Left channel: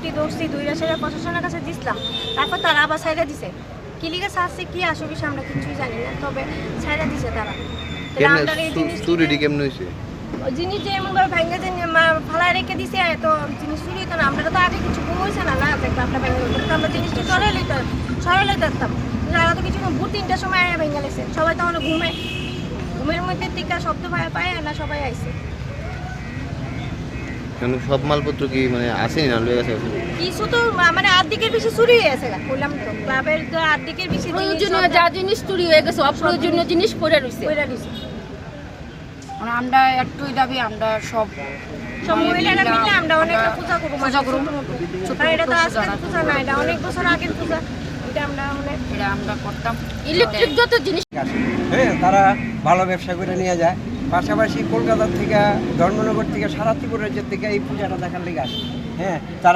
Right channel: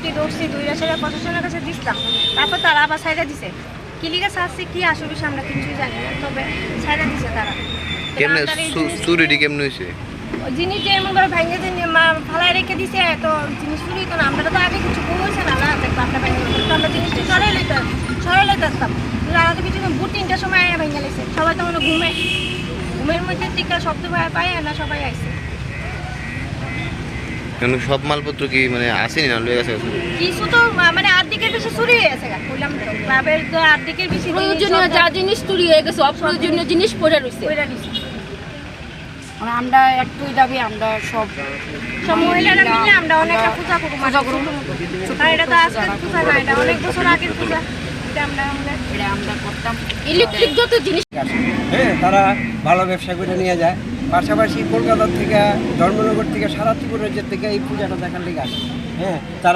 যুক্তি ধরছি, 2 বছরের প্রশাসনের কাছে দিচ্ছিলাম, তারপর তারা আবার সাইডে দিছে। কি লিগে ছাড়ছে কি আসলে আমরা কিছুই জানি না, তবে সাইডে দিছে তারা। কেমনে চুরিটি কেমনে হয়েছে? ওই জিনিস যে এমন করে ভাঙে যে ফালায় রেখে দিছে, তো জিনিস চুরি তো না, আমরা তো আগে কিছু ঘুম হয়েছে না, দেখবো আমরা ভেঙে তো আমরা জিনিসটা সরাইলে দেখতাম। তারা তো কিছু ভোর 3টার সময় ভেঙে লেছে, সবাই তো মানে ঘুমের মধ্যে টিকা শব্দ পায় না, সবাই আইছে। কেন সব মালপত্র কি মানে আসেনি না লয়ে গেছে? কিছু তো মানে আর্ধেকের বেশি চুরি হয়ে গেছে, বললাম তো ক্লাবের তো আর্ধেকের বেশি প্রয়োজনীয় যা জিনিস চুরি হয়ে গেছে, অপ্রয়োজনীয় জিনিস পড়ে রয়েছে। মানে আমরা একটুই দাবি, আমরা সব মহিলারা মিলে আমরা অনেকটা পূজা করব। এটা তো আজকে পূজা না, এটা অনেক বছর আগের পূজা, এটা আমরা করতাম। ইলেকট্রিক যত জিনিস হ্যাঁ, তারা ভালো ব্যবসা করে নিয়ে যায়। পাশাপাশি কলকাতা থেকে, ধর্মনগর থেকে, সারা ত্রিপুরা রাজ্যের থেকে এই পূজাটা দেখার লেগে আসে। হ্যাঁ, তারা